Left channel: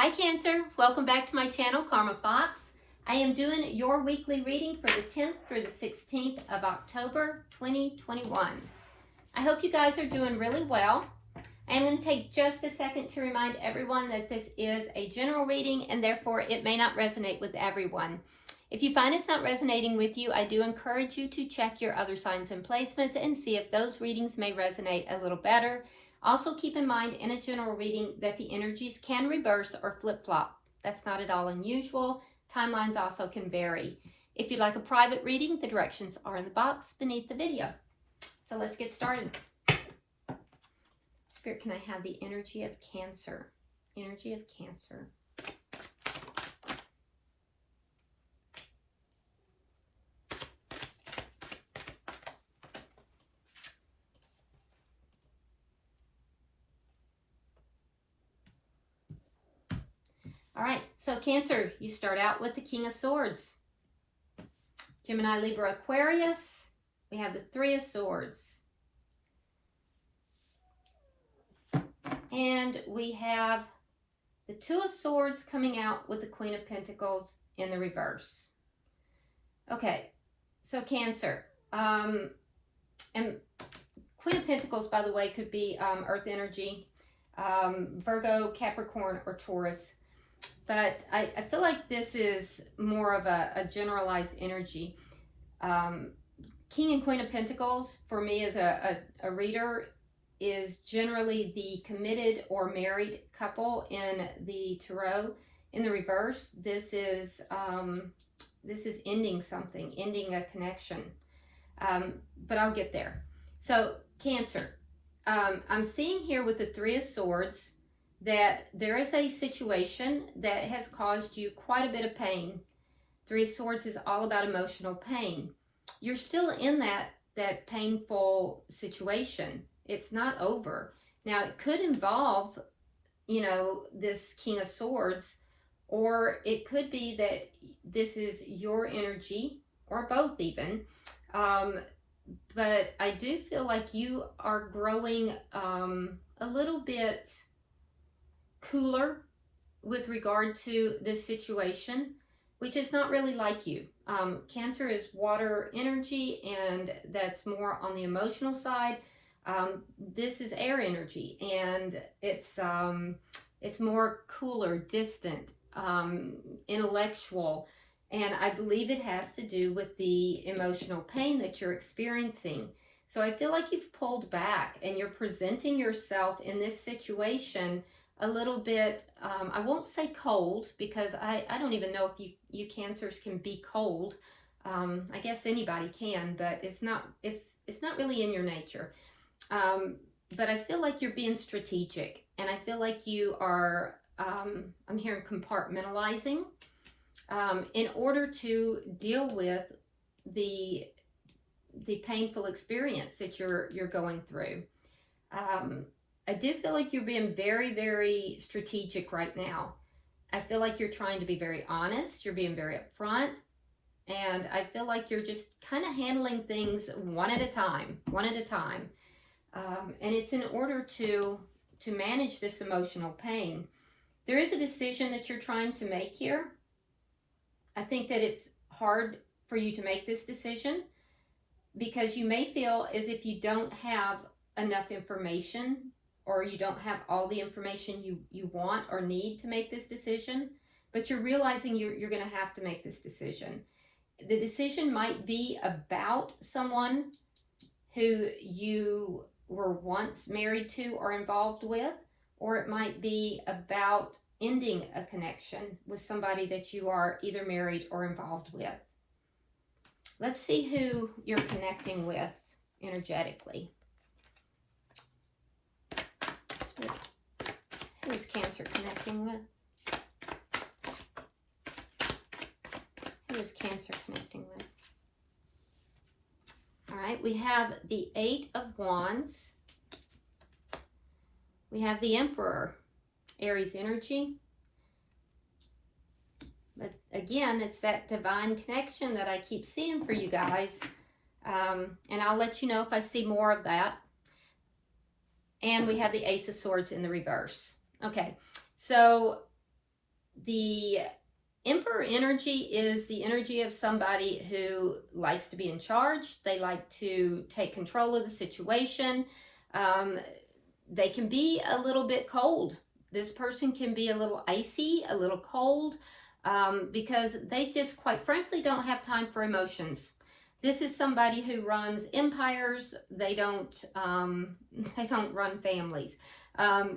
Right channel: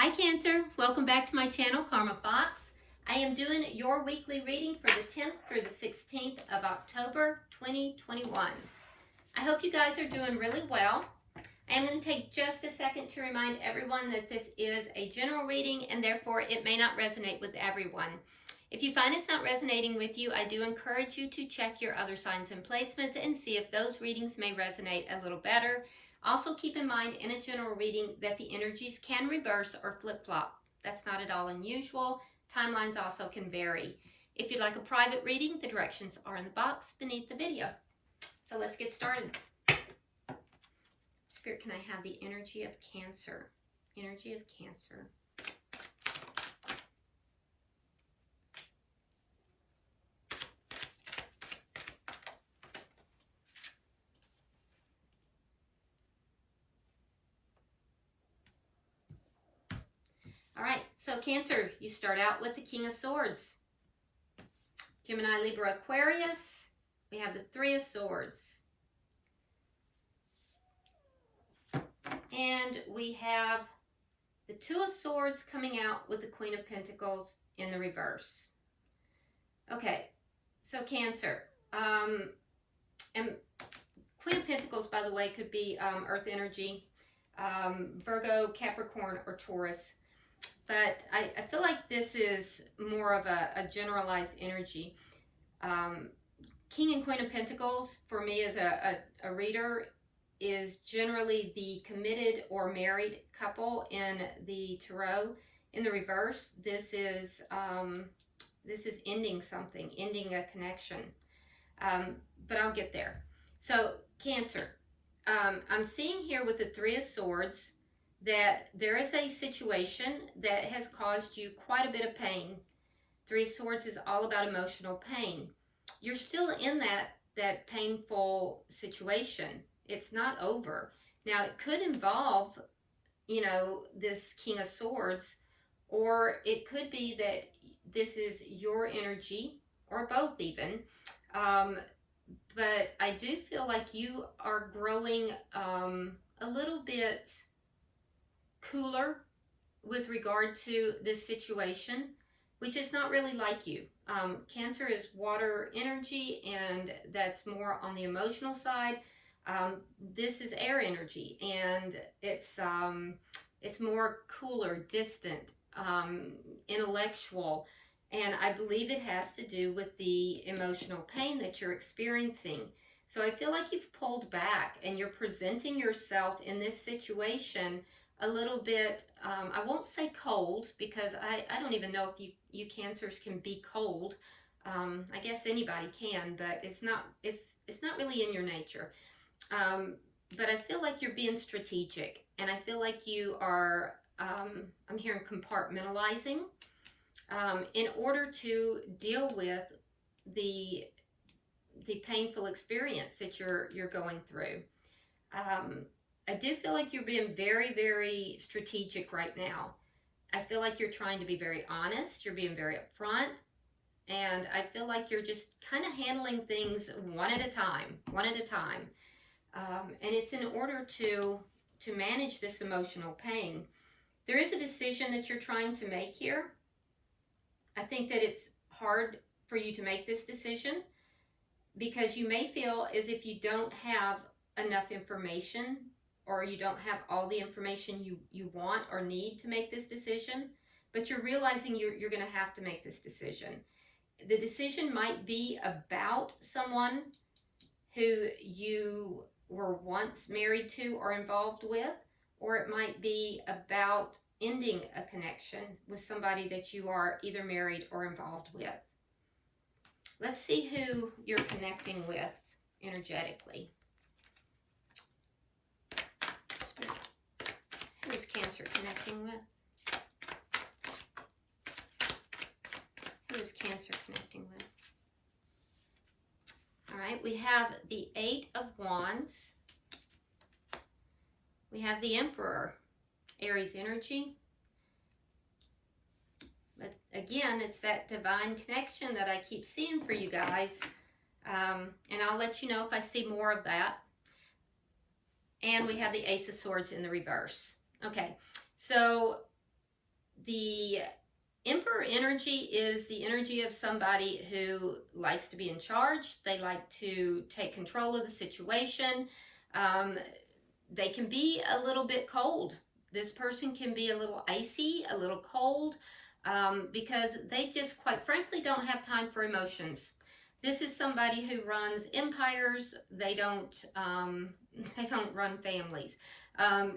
Hi Cancer, welcome back to my channel, Karma Fox. I am doing your weekly reading for the 10th through the 16th of October 2021. I hope you guys are doing really well. I am going to take just a second to remind everyone that this is a general reading and therefore it may not resonate with everyone. If you find it's not resonating with you, I do encourage you to check your other signs and placements and see if those readings may resonate a little better. Also keep in mind in a general reading that the energies can reverse or flip-flop. That's not at all unusual. Timelines also can vary. If you'd like a private reading, the directions are in the box beneath the video. So let's get started. Spirit, can I have the energy of Cancer? Energy of Cancer. All right, so Cancer, you start out with the King of Swords. Gemini, Libra, Aquarius. We have the Three of Swords. And we have the Two of Swords coming out with the Queen of Pentacles in the reverse. Okay, so Cancer. And Queen of Pentacles, by the way, could be Earth energy, Virgo, Capricorn, or Taurus. But I feel like this is more of a generalized energy. King and Queen of Pentacles, for me as a reader, is generally the committed or married couple in the tarot. In the reverse, this is ending something, ending a connection. But I'll get there. So Cancer, I'm seeing here with the Three of Swords that there is a situation that has caused you quite a bit of pain. Three of Swords is all about emotional pain. You're still in that painful situation. It's not over. Now, it could involve, you know, this King of Swords, or it could be that this is your energy, or both even. But I do feel like you are growing a little bit cooler with regard to this situation, which is not really like you. Cancer is water energy, and that's more on the emotional side. This is air energy, and it's more cooler, distant, intellectual, and I believe it has to do with the emotional pain that you're experiencing. So I feel like you've pulled back and you're presenting yourself in this situation a little bit, I won't say cold, because I don't even know if you Cancers can be cold. I guess anybody can, but it's not really in your nature. But I feel like you're being strategic, and I feel like you are, I'm hearing compartmentalizing, in order to deal with the painful experience that you're going through. I do feel like you're being very, very strategic right now. I feel like you're trying to be very honest. You're being very upfront. And I feel like you're just kind of handling things one at a time. And it's in order to manage this emotional pain. There is a decision that you're trying to make here. I think that it's hard for you to make this decision because you may feel as if you don't have enough information, or you don't have all the information you want or need to make this decision, but you're realizing you're going to have to make this decision. The decision might be about someone who you were once married to or involved with, or it might be about ending a connection with somebody that you are either married or involved with. Let's see who you're connecting with energetically. Who is Cancer connecting with? Who is Cancer connecting with? All right, we have the Eight of Wands. We have the Emperor, Aries energy. But again, it's that divine connection that I keep seeing for you guys. And I'll let you know if I see more of that. And we have the Ace of Swords in the reverse. Okay, so The Emperor energy is the energy of somebody who likes to be in charge. They like to take control of the situation. They can be a little bit cold. This person can be a little icy, a little cold, because they just, quite frankly, don't have time for emotions. This is somebody who runs empires. They don't run families.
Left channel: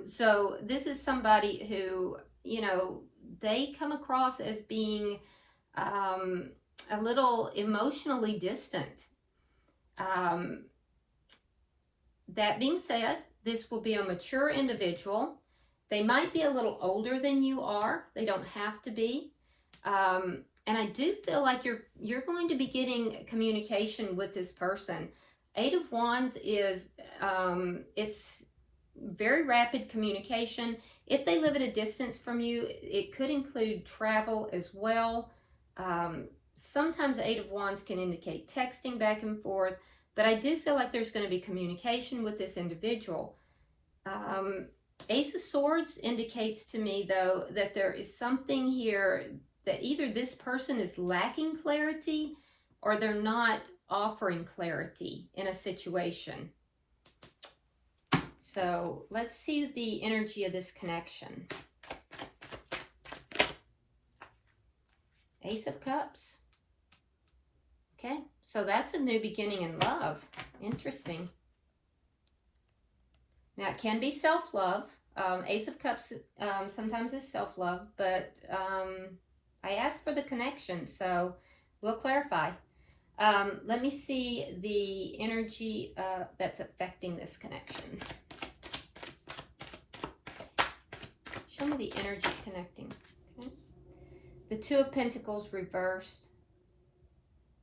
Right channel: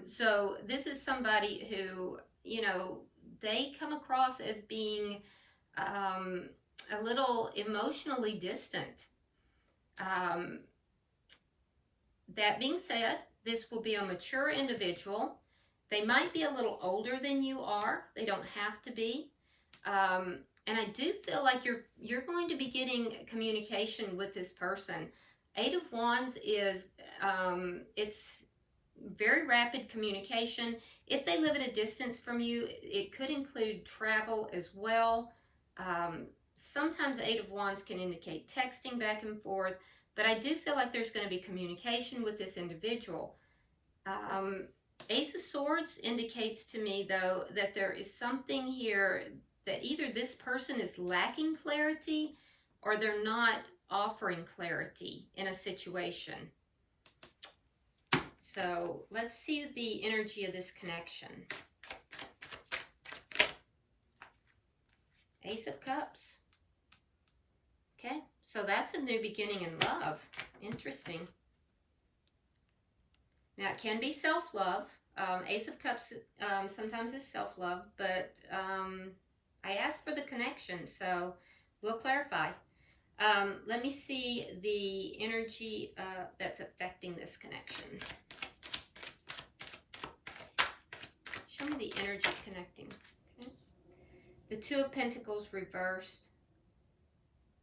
So this is somebody who, you know, they come across as being a little emotionally distant. That being said, this will be a mature individual. They might be a little older than you are. They don't have to be. And I do feel like you're going to be getting communication with this person. Eight of Wands is, it's very rapid communication. If they live at a distance from you, it could include travel as well. Sometimes Eight of Wands can indicate texting back and forth, but I do feel like there's going to be communication with this individual. Ace of Swords indicates to me, though, that there is something here that either this person is lacking clarity or they're not offering clarity in a situation. So let's see the energy of this connection. Ace of Cups. Okay, so that's a new beginning in love. Interesting. Now, it can be self-love. Ace of Cups sometimes is self-love, but I asked for the connection, so we'll clarify. Let me see the energy that's affecting this connection. Show me the energy connecting. Okay. The Two of Pentacles reversed.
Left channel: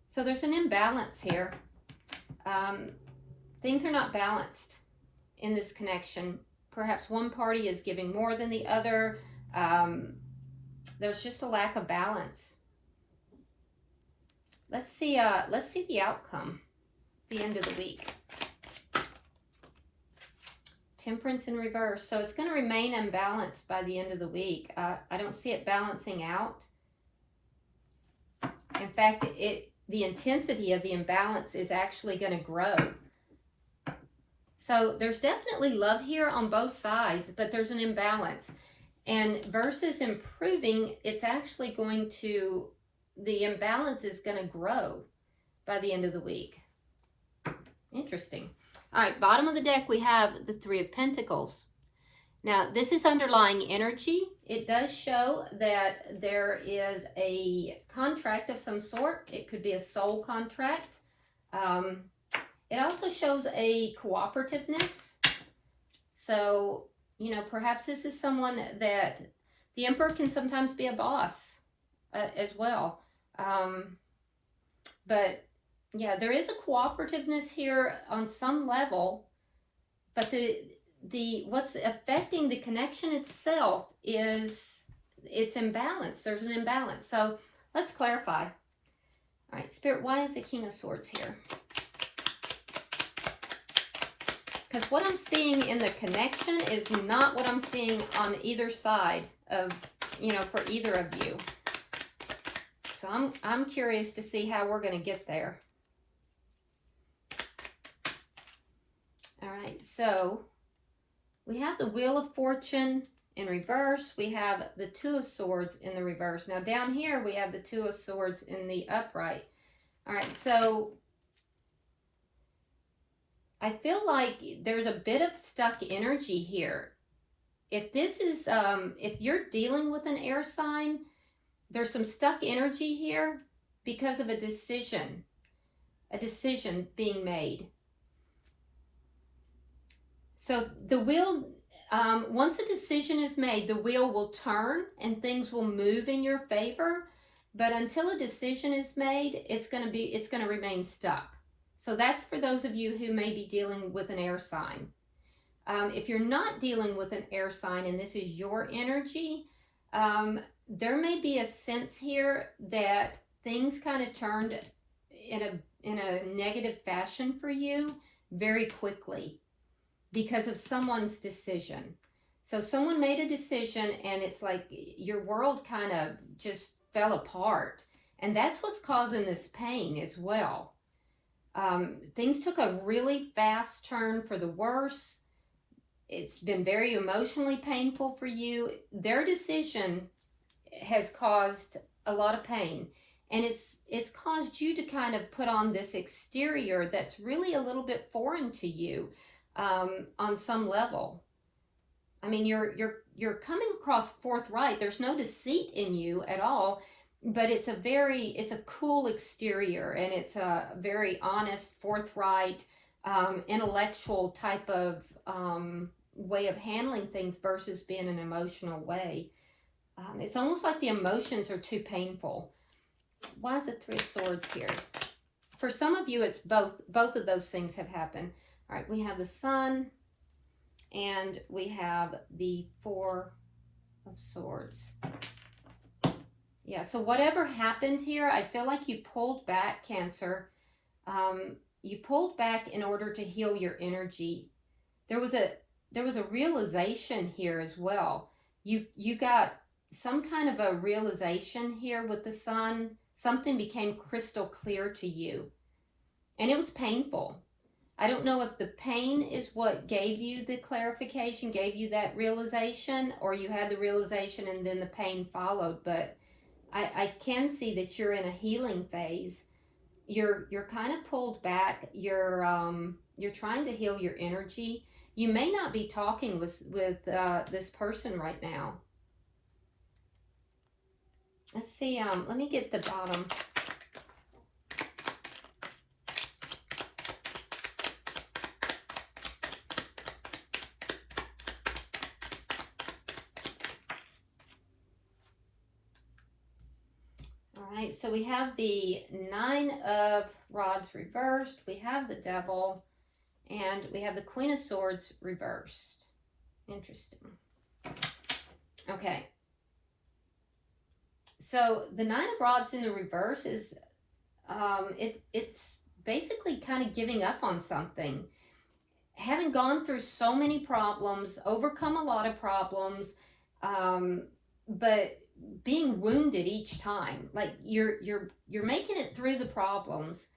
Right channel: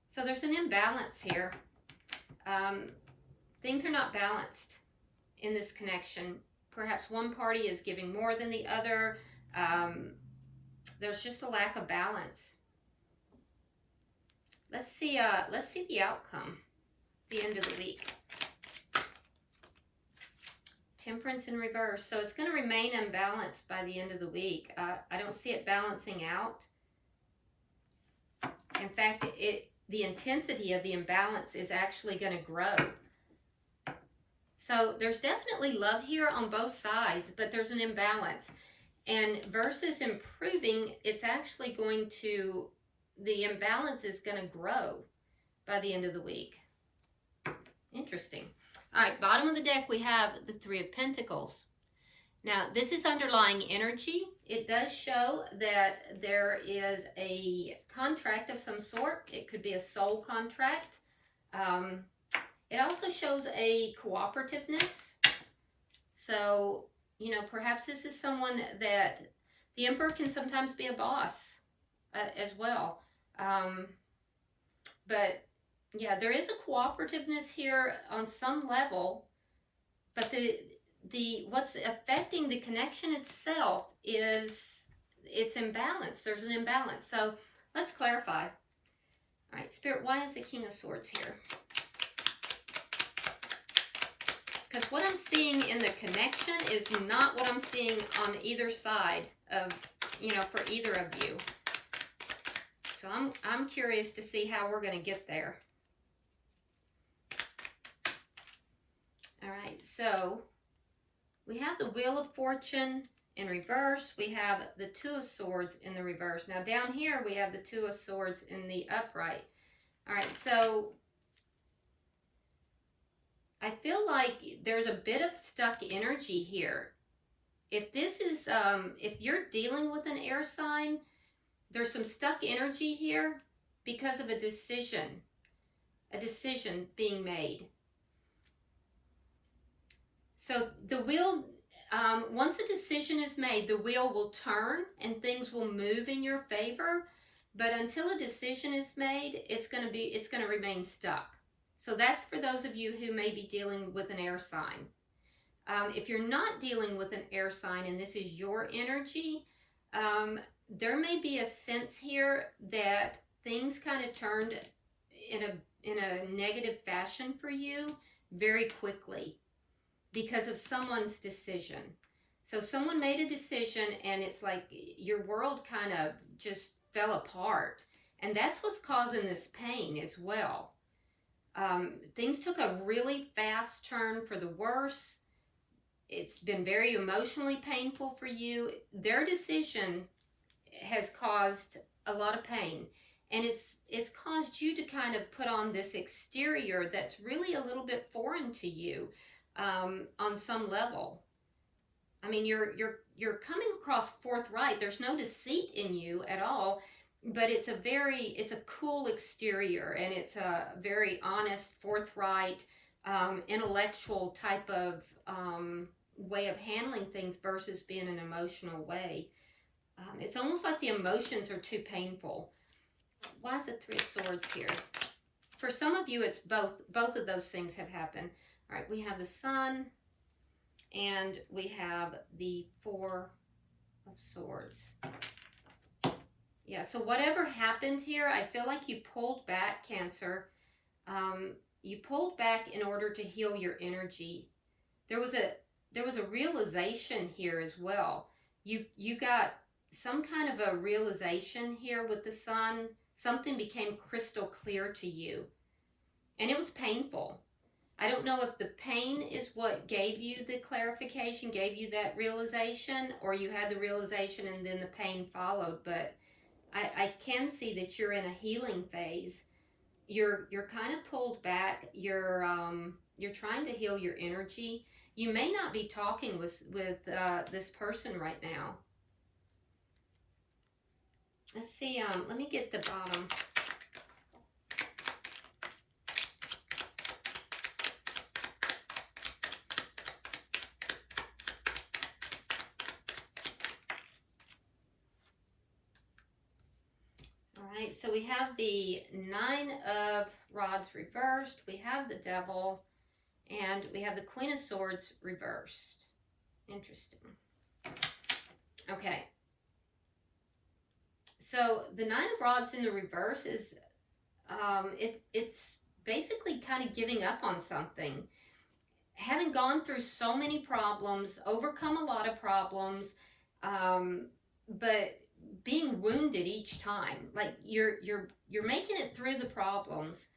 So there's an imbalance here. Things are not balanced in this connection. Perhaps one party is giving more than the other. There's just a lack of balance. Let's see the outcome, the end of the week. Temperance in reverse. So it's going to remain unbalanced by the end of the week. I don't see it balancing out. In fact, the intensity of the imbalance is actually going to grow. So there's definitely love here on both sides, but there's an imbalance. And versus improving, it's actually going to, the imbalance is going to grow by the end of the week. Interesting. All right, bottom of the deck, we have the Three of Pentacles. Now, this is underlying energy. It does show that there is a contract of some sort. It could be a soul contract. It also shows a cooperativeness. So, you know, perhaps this is someone that the Emperor can sometimes be a boss as well. But yeah, there is a cooperativeness here on some level, but the what's affecting the connection itself is it's imbalance. There's an imbalance. So let's clarify. All right, Spirit, why is the King of Swords here? Because what I'm seeing in the connection is not what I'm seeing on either side of, you know, for either of you. So I'm curious to see how we're going to get there. All right, so we have the Wheel of Fortune in reverse. We have the Two of Swords in the reverse. Now down here we have the Two of Swords in the upright. All right, so I feel like there's a bit of stuck energy here. If this is, if you're dealing with an air sign, there's some stuck energy here because of a decision being made. So the wheel, once a decision is made, the wheel will turn and things will move in your favor. But until a decision is made, it's going to remain stuck. So that's for those of you who may be dealing with an air sign. If you're not dealing with an air sign and this is your energy, there may be a sense here that things kind of turned in a negative fashion for you very quickly because of someone's decision. So someone made a decision and it's like your world kind of just fell apart. And that's what's causing this pain as well. Things took a really fast turn for the worse. It's been very emotionally painful for you. Their decision has caused a lot of pain. And it's caused you to kind of put on this exterior that's really a little bit foreign to you on some level. I mean, you're coming across forthright. There's no deceit in you at all, but it's a cool exterior, and it's a very honest, forthright, intellectual type of way of handling things versus being an emotional way. It's almost like the emotions are too painful. Why is the Three of Swords here? For some of you, it's both of those things have happened. All right, we have the Sun, and we have the Four of Swords. Yeah, so whatever happened here, I feel like you pulled back, Cancer. You pulled back in order to heal your energy. There was a realization here as well. You got some kind of a realization here with the Sun. Something became crystal clear to you. And it was painful. I don't know if the pain is what gave you the clarification, gave you that realization, or you had the realization and then the pain followed. But I can see that you're in a healing phase. You're kind of pulled back. You're trying to heal your energy. You may not be talking with this person right now. Let's see, let me get the bottom. All right, so we have the Nine of Rods reversed, we have the Devil, and we have the Queen of Swords reversed. Interesting. Okay. So the Nine of Rods in the reverse is, it's basically kind of giving up on something. Having gone through so many problems, overcome a lot of problems, but being wounded each time. Like you're making it through the problems,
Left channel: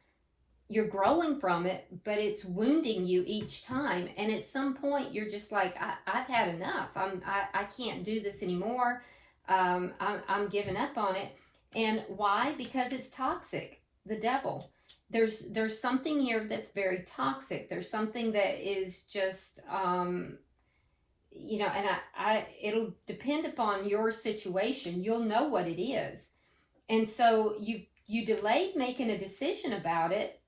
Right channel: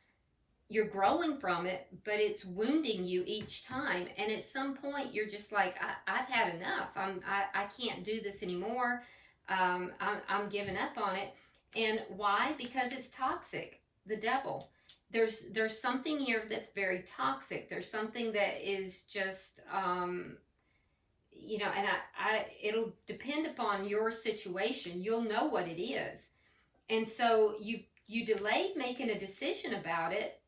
you're growing from it, but it's wounding you each time. And at some point, you're just like, I've had enough. I can't do this anymore. I'm giving up on it. And why? Because it's toxic. The Devil. There's something here that's very toxic. There's something that is just, you know, and it'll depend upon your situation. You'll know what it is. And so you delayed making a decision about it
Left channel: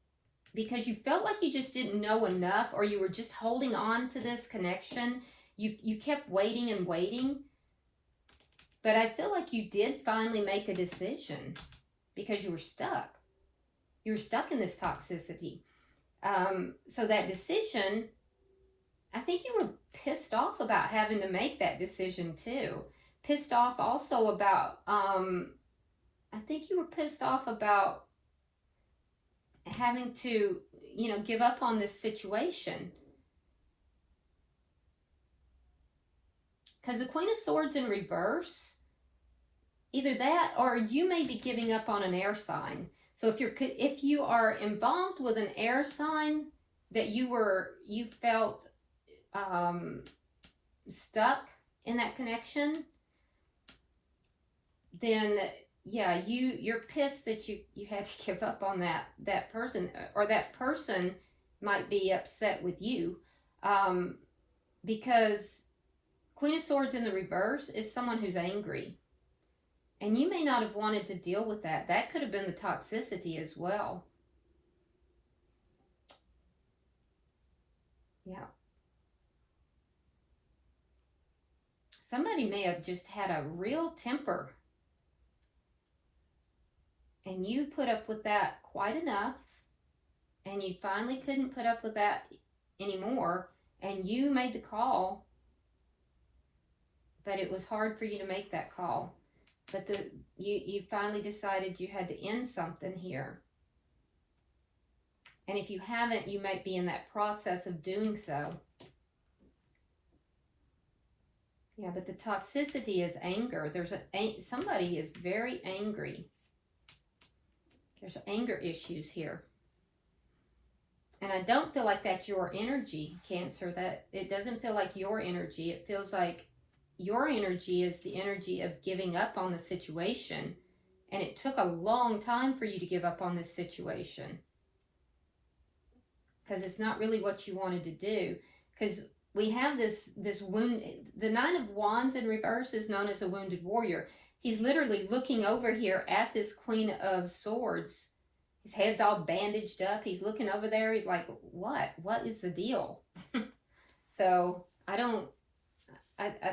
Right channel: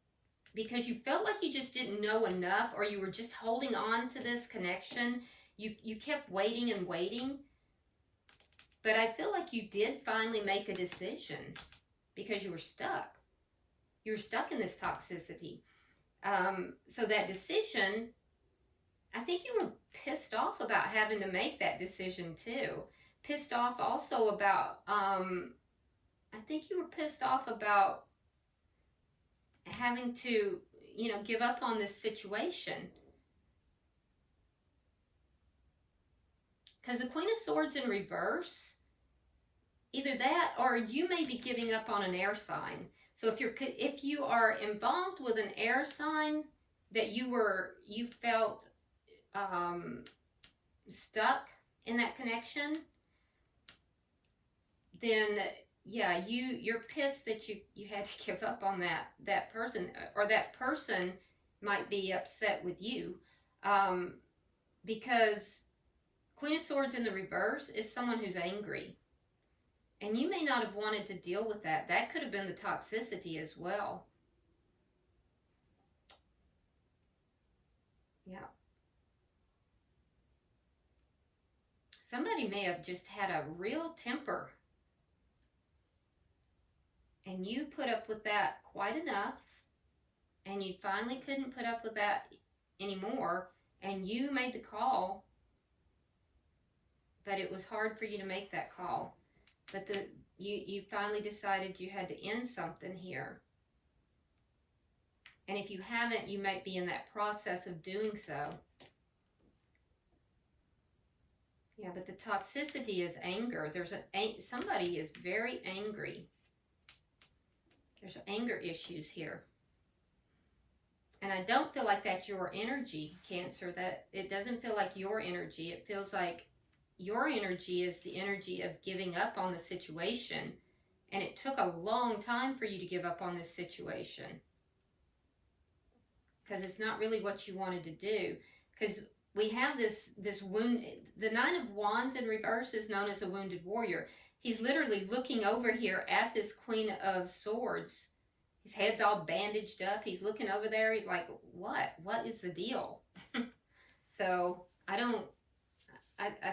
because you felt like you just didn't know enough, or you were just holding on to this connection. You kept waiting and waiting. But I feel like you did finally make a decision because you were stuck. You were stuck in this toxicity. So that decision, I think you were pissed off about having to make that decision too. Pissed off also about, I think you were pissed off about having to, you know, give up on this situation. Because the Queen of Swords in reverse, either that or you may be giving up on an air sign. So if you are involved with an air sign that you felt stuck in that connection, then yeah, you're pissed that you had to give up on that person, or that person might be upset with you, because Queen of Swords in the reverse is someone who's angry. And you may not have wanted to deal with that. That could have been the toxicity as well. Yeah. Somebody may have just had a real temper. And you put up with that quite enough. And you finally couldn't put up with that anymore. And you made the call. But it was hard for you to make that call. But you finally decided you had to end something here. And if you haven't, you might be in that process of doing so. Yeah, but the toxicity is anger. Somebody is very angry. There's anger issues here. And I don't feel like that's your energy, Cancer. That it doesn't feel like your energy. It feels like your energy is the energy of giving up on the situation. And it took a long time for you to give up on this situation. Because it's not really what you wanted to do. Because we have this wound. The Nine of Wands in reverse is known as a wounded warrior. He's literally looking over here at this Queen of Swords. His head's all bandaged up. He's looking over there. He's like, what? What is the deal? So I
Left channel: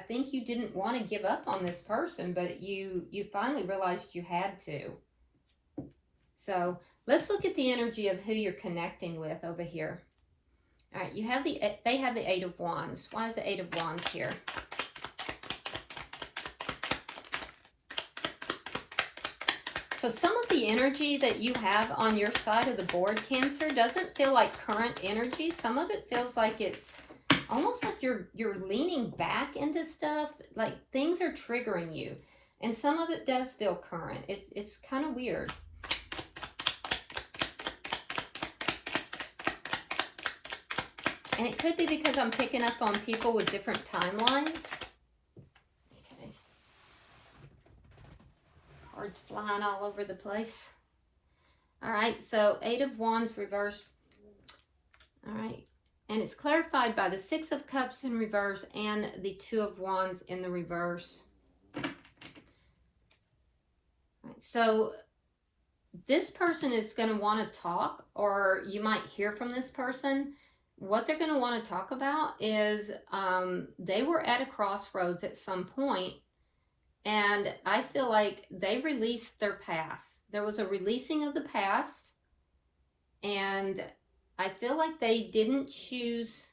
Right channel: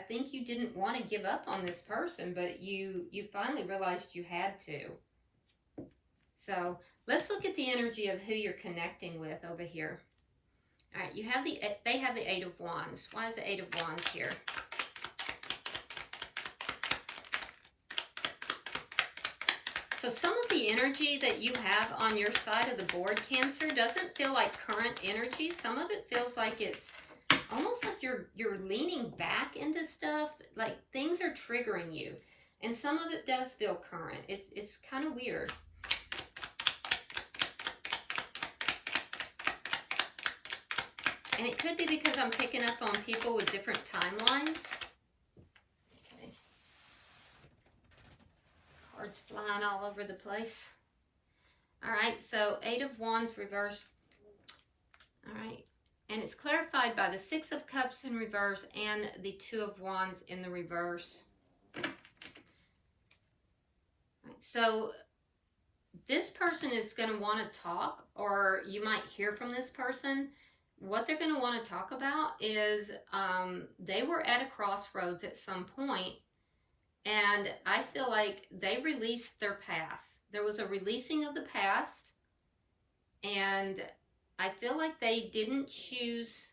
think you didn't want to give up on this person, but you finally realized you had to. So let's look at the energy of who you're connecting with over here. All right, they have the Eight of Wands. Why is the Eight of Wands here? So some of the energy that you have on your side of the board, Cancer, doesn't feel like current energy. Some of it feels like it's almost like you're leaning back into stuff, like things are triggering you. And some of it does feel current. It's kind of weird. And it could be because I'm picking up on people with different timelines. Okay. Cards flying all over the place. All right, so Eight of Wands reverse. All right, and it's clarified by the Six of Cups in reverse and the Two of Wands in the reverse. All right, so this person is going to want to talk, or you might hear from this person. What they're going to want to talk about is they were at a crossroads at some point, and I feel like they released their past. There was a releasing of the past, and I feel like they didn't choose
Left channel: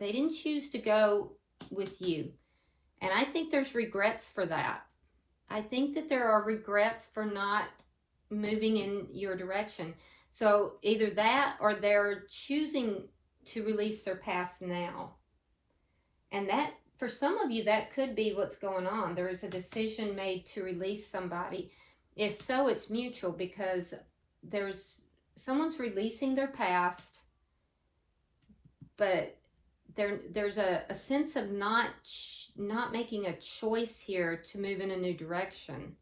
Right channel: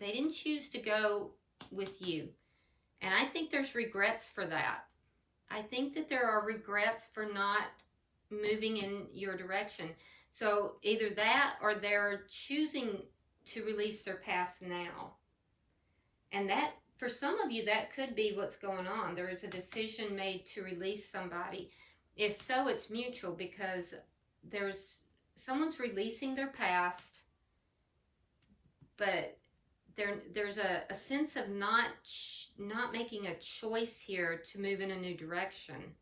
to go with you. And I think there's regrets for that. I think that there are regrets for not moving in your direction. So either that, or they're choosing to release their past now. And that, for some of you, that could be what's going on. There is a decision made to release somebody. If so, it's mutual, because someone's releasing their past, but there's a sense of not making a choice here to move in a new direction.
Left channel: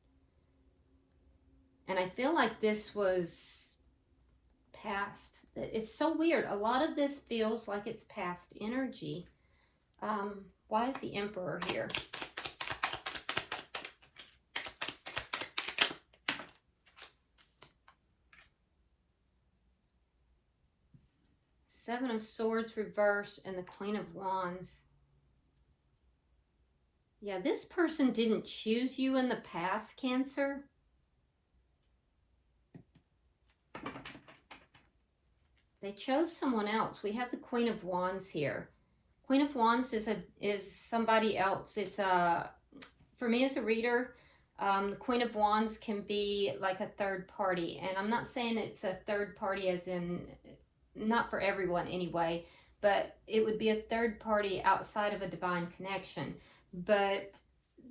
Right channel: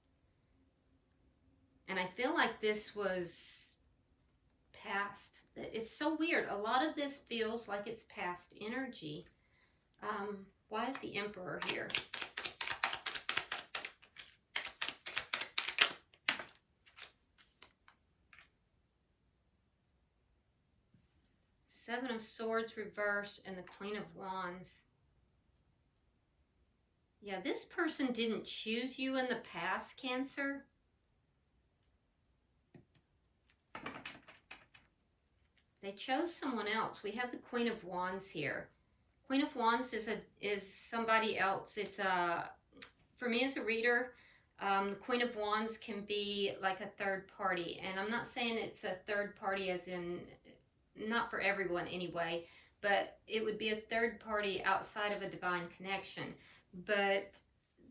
And I feel like this was past. It's so weird. A lot of this feels like it's past energy. Why is the Emperor here? Seven of Swords reversed and the Queen of Wands. Yeah, this person didn't choose you in the past, Cancer. They chose someone else. We have the Queen of Wands here. Queen of Wands is somebody else. It's for me as a reader, the Queen of Wands can be like a third party. And I'm not saying it's a third party as in, not for everyone anyway, but it would be a third party outside of a divine connection. But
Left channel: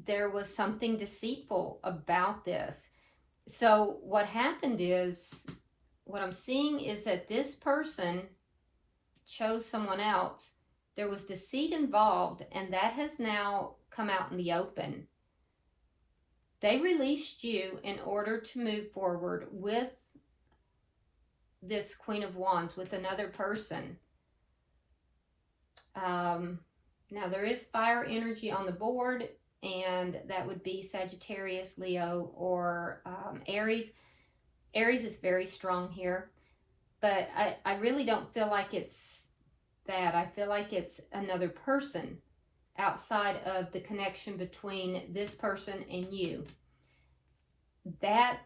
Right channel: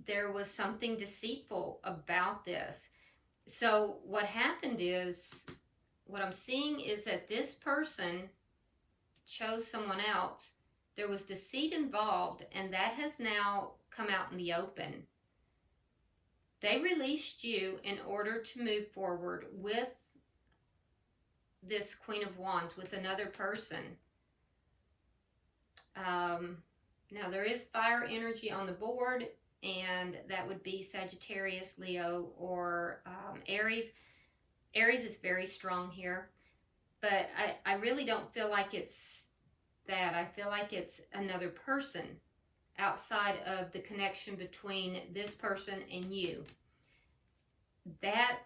there was something deceitful about this. So what happened is, what I'm seeing is that this person chose someone else. There was deceit involved, and that has now come out in the open. They released you in order to move forward with this Queen of Wands, with another person. Now, there is fire energy on the board, and that would be Sagittarius, Leo, or Aries. Aries is very strong here, but I really don't feel like it's that. I feel like it's another person outside of the connection between this person and you. That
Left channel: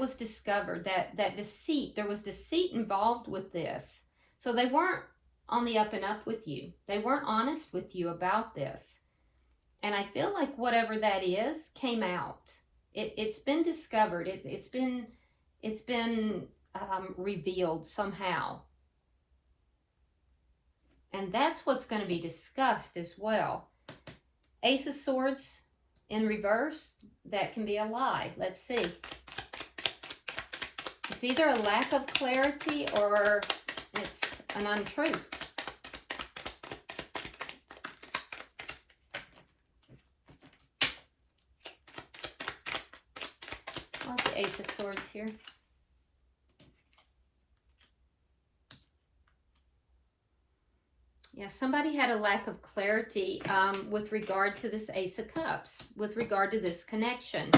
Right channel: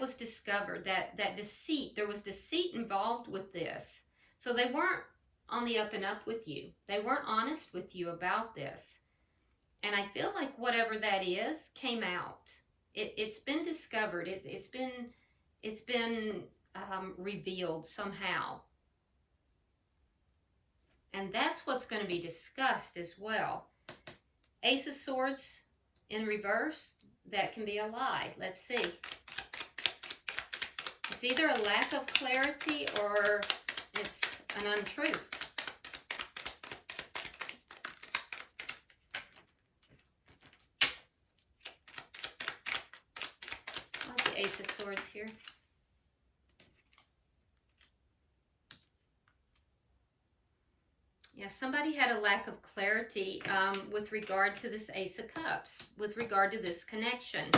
was discovered, that deceit. There was deceit involved with this. So they weren't on the up and up with you. They weren't honest with you about this. And I feel like whatever that is came out. It's been discovered. It's been revealed somehow. And that's what's going to be discussed as well. Ace of Swords in reverse, that can be a lie. Let's see. It's either a lack of clarity or it's an untruth. What's the Ace of Swords here? Yeah, somebody had a lack of clarity with regard to this Ace of Cups, with regard to this connection.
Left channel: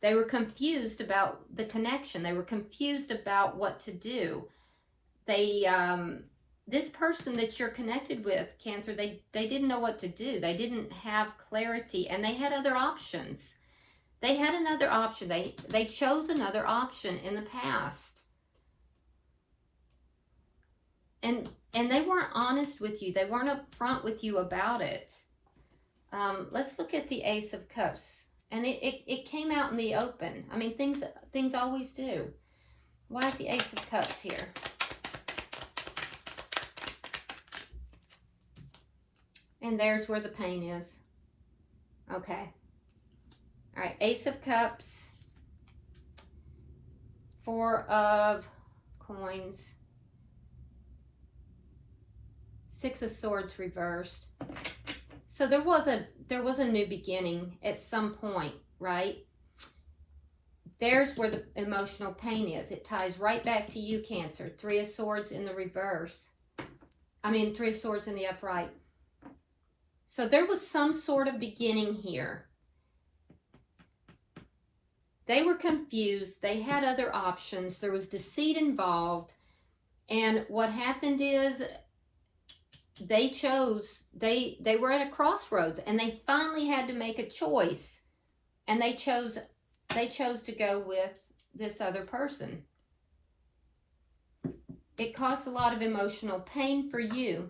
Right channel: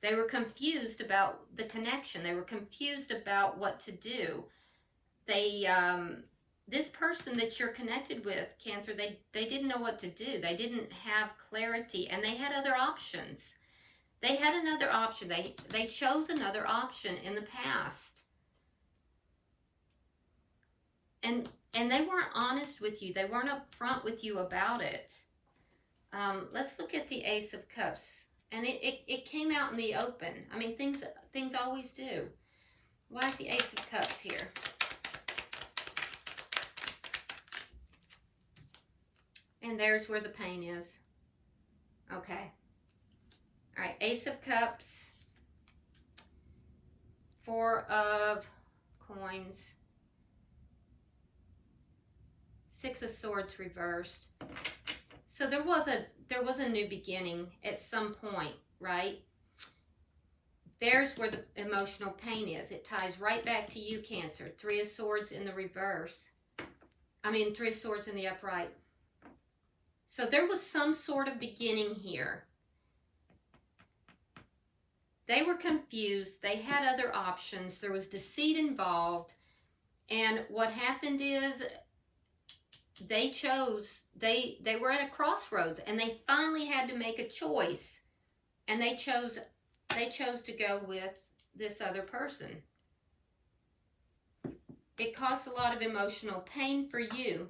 They were confused about the connection. They were confused about what to do. They, this person that you're connected with, Cancer, they didn't know what to do. They didn't have clarity, and they had other options. They had another option. They chose another option in the past. And they weren't honest with you. They weren't upfront with you about it. Let's look at the Ace of Cups. And it came out in the open. I mean, things always do. Why is the Ace of Cups here? And there's where the pain is. Okay. All right, Ace of Cups. 4 of Coins. 6 of Swords reversed. So there was a new beginning at some point, right? There's where the emotional pain is. It ties right back to you, Cancer. 3 of Swords in the reverse. I mean, 3 of Swords in the upright. So there was some sort of beginning here. They were confused. They had other options. There was deceit involved. And what happened is they chose, they were at a crossroads, and they finally had to make a choice. And they chose to go with this other person. It caused a lot of emotional pain for you.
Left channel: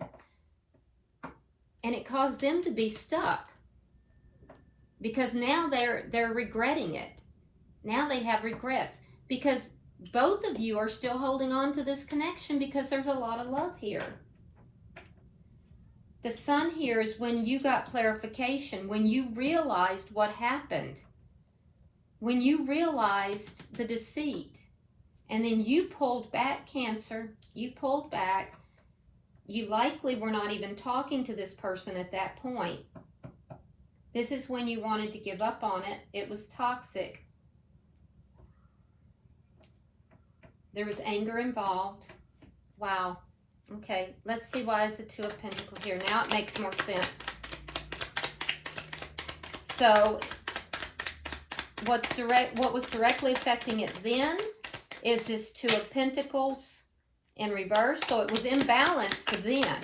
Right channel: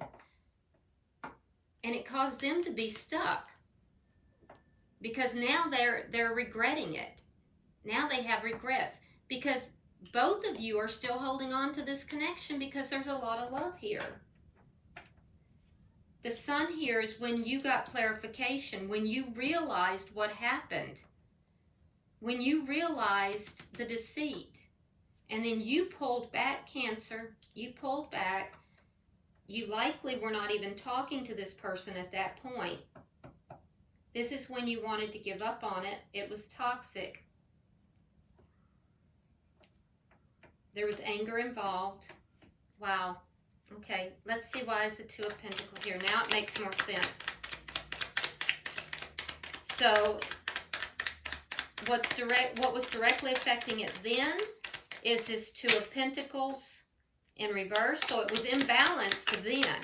And it caused them to be stuck. Because now they're regretting it. Now they have regrets. Because both of you are still holding on to this connection because there's a lot of love here. The Sun here is when you got clarification, when you realized what happened. When you realized the deceit. And then you pulled back, Cancer. You pulled back. You likely were not even talking to this person at that point. This is when you wanted to give up on it. It was toxic. There was anger involved. Wow. Okay, let's see why is the 2 of Pentacles here. Now it makes more sense. So what was directly affecting it then is this 2 of Pentacles in reverse. So it was imbalanced then.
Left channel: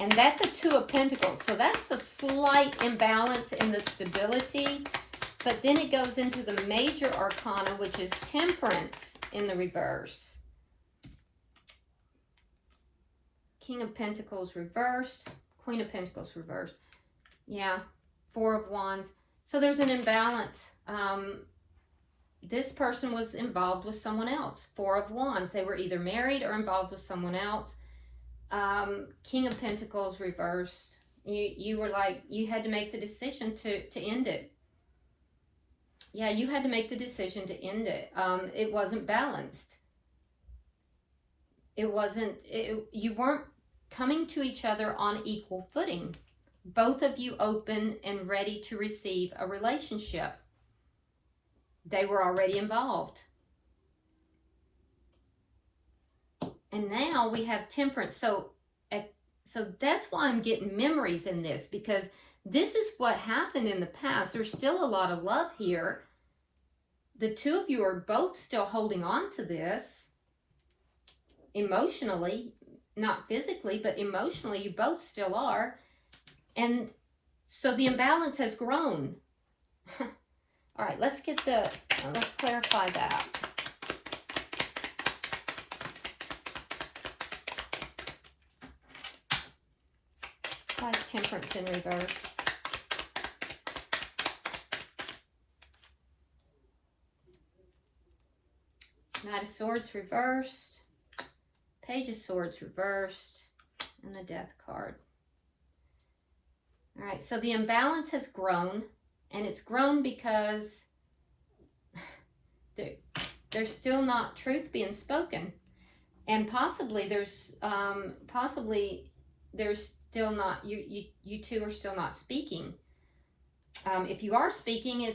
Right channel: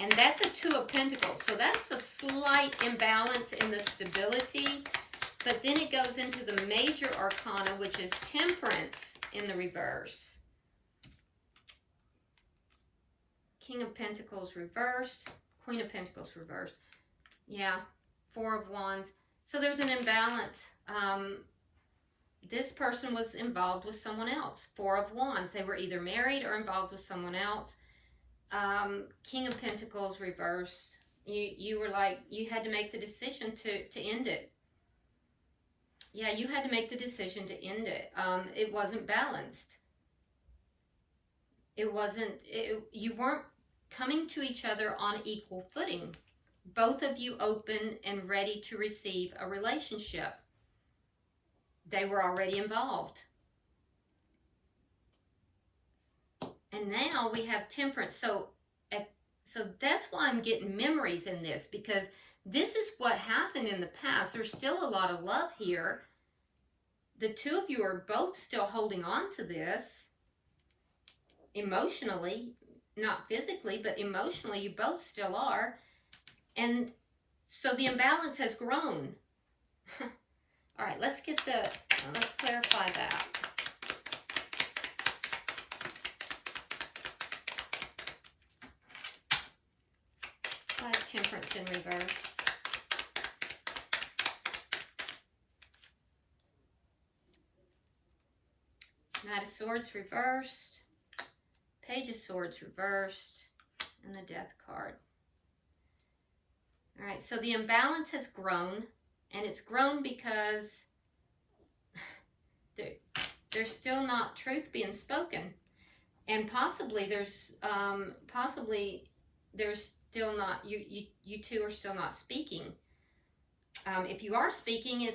And that's a 2 of Pentacles. So that's a slight imbalance in the stability. But then it goes into the major arcana, which is Temperance in the reverse. King of Pentacles reversed. Queen of Pentacles reversed. Yeah. 4 of Wands. So there's an imbalance. This person was involved with someone else. 4 of Wands. They were either married or involved with someone else. King of Pentacles reversed. You were like, you had to make the decision to end it. Yeah, you had to make the decision to end it. It wasn't balanced. You weren't coming to each other on equal footing. Both of you open and ready to receive a relationship. They were already involved. And now we have Temperance. So that's why I'm getting memories in this, because this is what happened in the past. There's still a lot of love here. The 2 of you are both still holding on to this emotionally, not physically, but emotionally, you both still are. And so the imbalance has grown. All right, let's clarify that. Why is Temperance in reverse? Knight of Swords reversed. Page of Swords reversed. and the Death card. All right, so the imbalance has grown, and it's grown because there's still not truth being spoken, and possibly there's still not, you two are still not speaking. If you are speaking,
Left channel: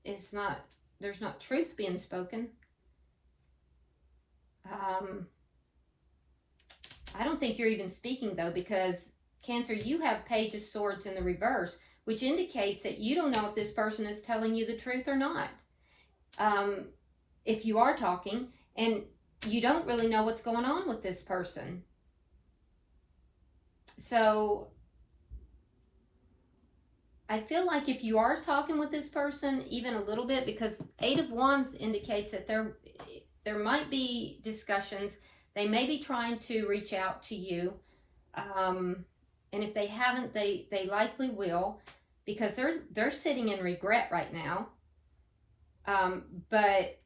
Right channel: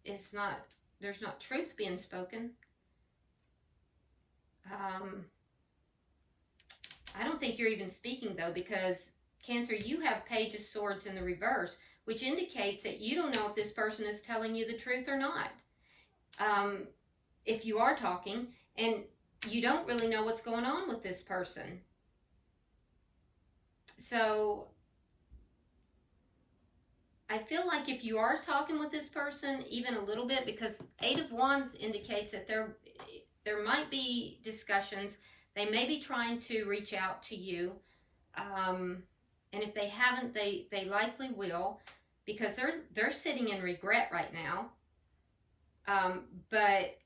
there's not truth being spoken. I don't think you're even speaking, though, because Cancer, you have Page of Swords in the reverse, which indicates that you don't know if this person is telling you the truth or not. If you are talking, and you don't really know what's going on with this person. So I feel like if you are talking with this person even a little bit, because Eight of Wands indicates that there might be discussions. They may be trying to reach out to you. And if they haven't, they likely will, because they're sitting in regret right now. But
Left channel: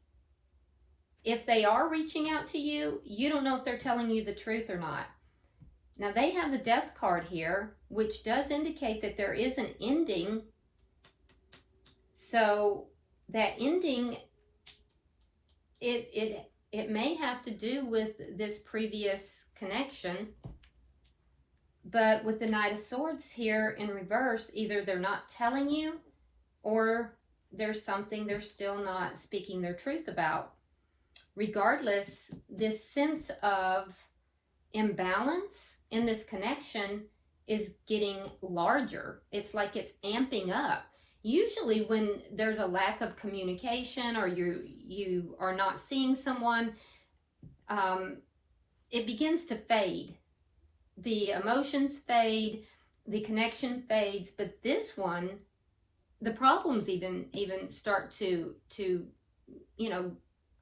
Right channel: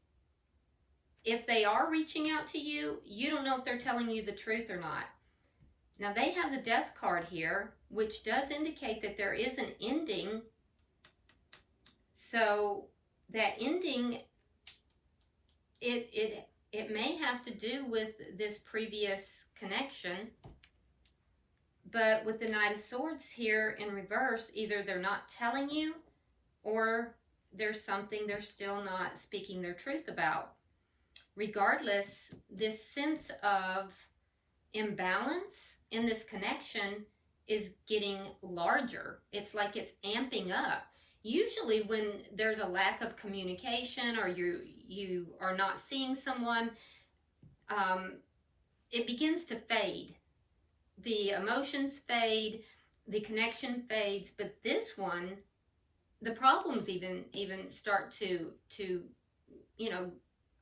if they are reaching out to you, you don't know if they're telling you the truth or not. Now, they have the Death card here, which does indicate that there is an ending. So that ending, it may have to do with this previous connection. But with the Knight of Swords here in reverse, either they're not telling you, or there's something they're still not speaking their truth about. Regardless, this sense of imbalance in this connection is getting larger. It's like it's amping up. Usually when there's a lack of communication, or you are not seeing someone, it begins to fade. The emotions fade, the connection fades, but this one, the problems even start to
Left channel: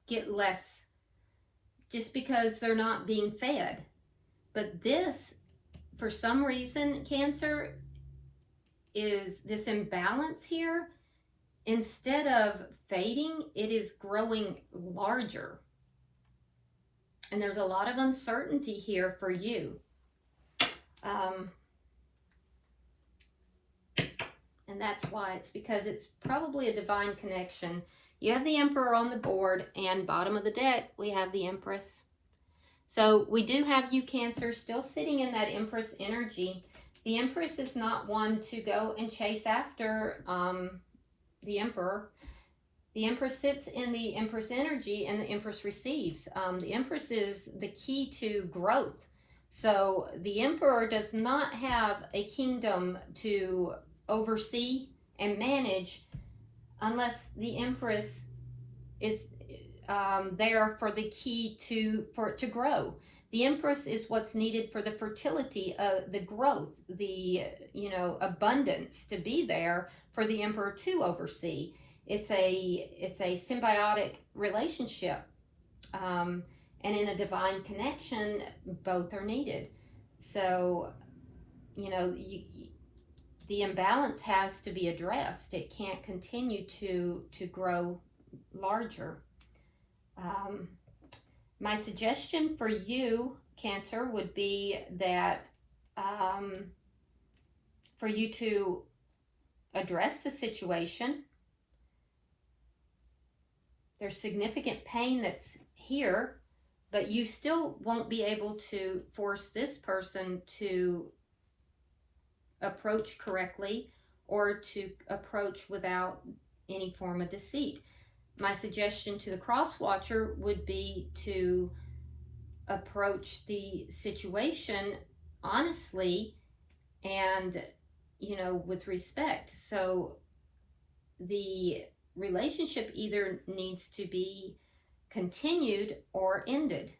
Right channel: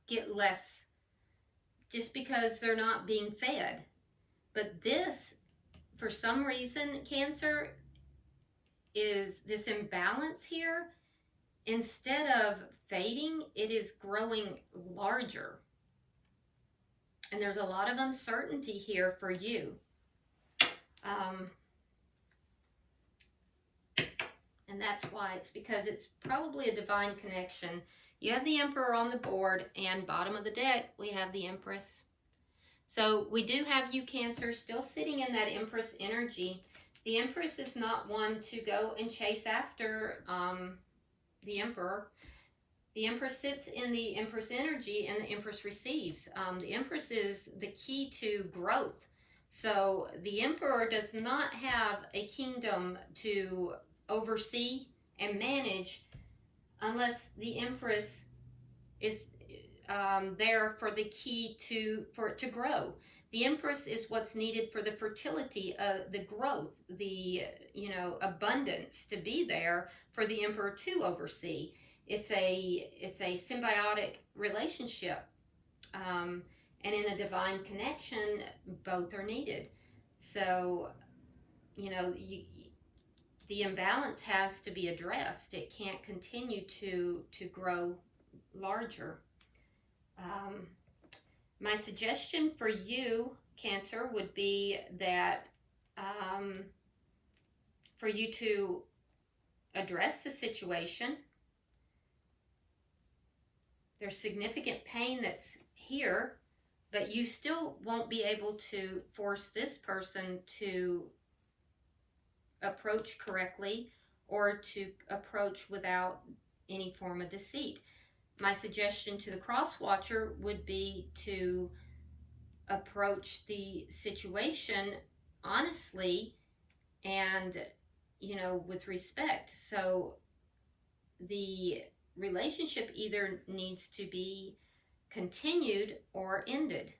get less, just because they're not being fed. But this, for some reason, Cancer, is this imbalance here, instead of fading, it is growing larger. And there's a lot of uncertainty here for you. And that's why. It's because it's probably a divine connection. You have the Emperor on the board, and bottom of the deck, we have the Empress. So we do have you, Cancer, still sitting in that Empress energy. The Empress is not one to go and chase after the Emperor. The Empress sits in the Empress energy, and the Empress receives. The Empress is the key to growth. So the Emperor does not have a kingdom to oversee and manage unless the Empress is there for the key for it to grow. The Empress is what's needed for the fertility, the growth, the abundance to be there for the Emperor to oversee. It's a symbiotic relationship. And in a divine connection, both are needed. So, the imbalance has to be addressed. It can't continue to grow larger. My suggestion for you, Cancer, would be that for you to address the situation. There's significant pain that's here, but you still won't be able to force this person to approach correctly or to approach without any form of deceit. My suggestion to the cross watcher would be to approach the situation honestly and, with respect. So the relationship either needs to be continued or ended.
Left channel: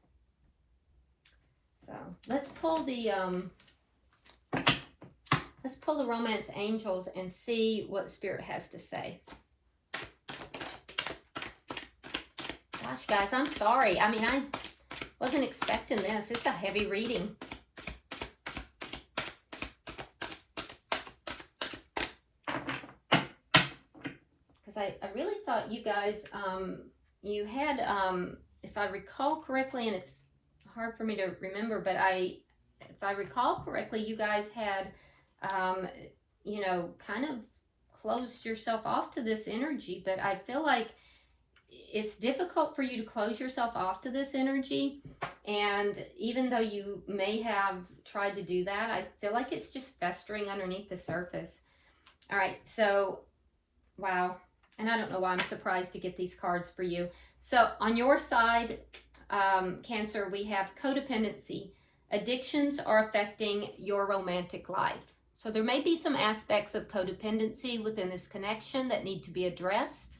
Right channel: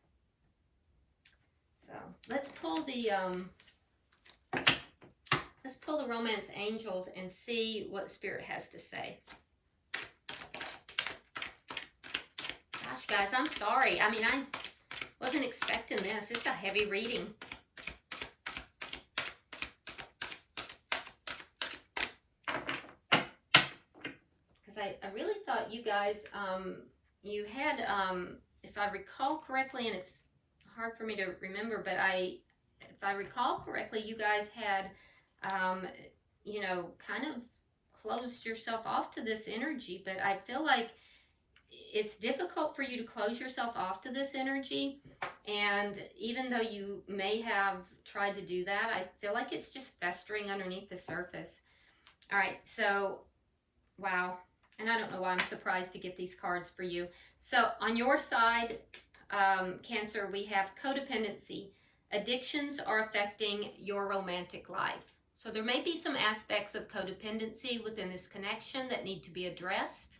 So let's pull the romance angels and see what Spirit has to say. Gosh, guys, I'm sorry. I mean, I wasn't expecting this. It's a heavy reading. Because I really thought you guys, you had, if I recall correctly, and it's hard for me to remember, but I if I recall correctly, you guys had, you know, kind of closed yourself off to this energy, but I feel like it's difficult for you to close yourself off to this energy. And even though you may have tried to do that, I feel like it's just festering underneath the surface. All right, so, wow. And I don't know why I'm surprised to get these cards for you. So on your side, Cancer, we have codependency. Addictions are affecting your romantic life. So there may be some aspects of codependency within this connection that need to be addressed.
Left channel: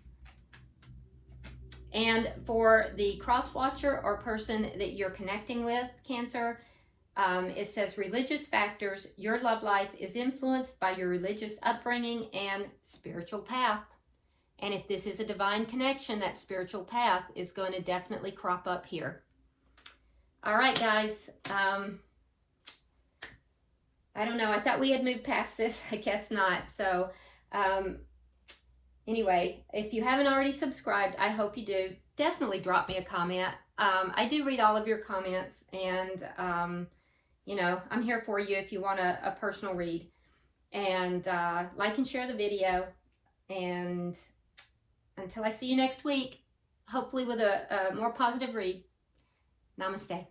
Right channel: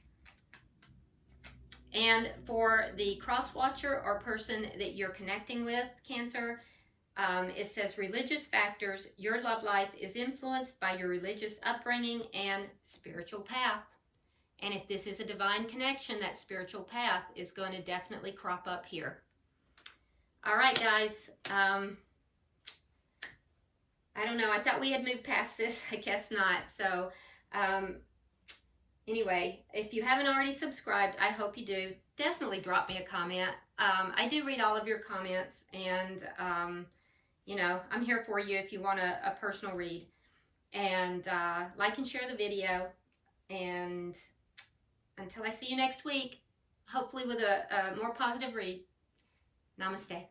And for the cross-watcher or person that you're connecting with, Cancer, it says religious factors. Your love life is influenced by your religious upbringing and spiritual path. And if this is a divine connection, that spiritual path is going to definitely crop up here. All right, guys. I don't know. I thought we had moved past this. I guess not. So, anyway, if you haven't already subscribed, I hope you do. Definitely drop me a comment. I do read all of your comments, and, you know, I'm here for you if you want a personal read. And like and share the video. And until I see you next week, hopefully with a more positive read, namaste.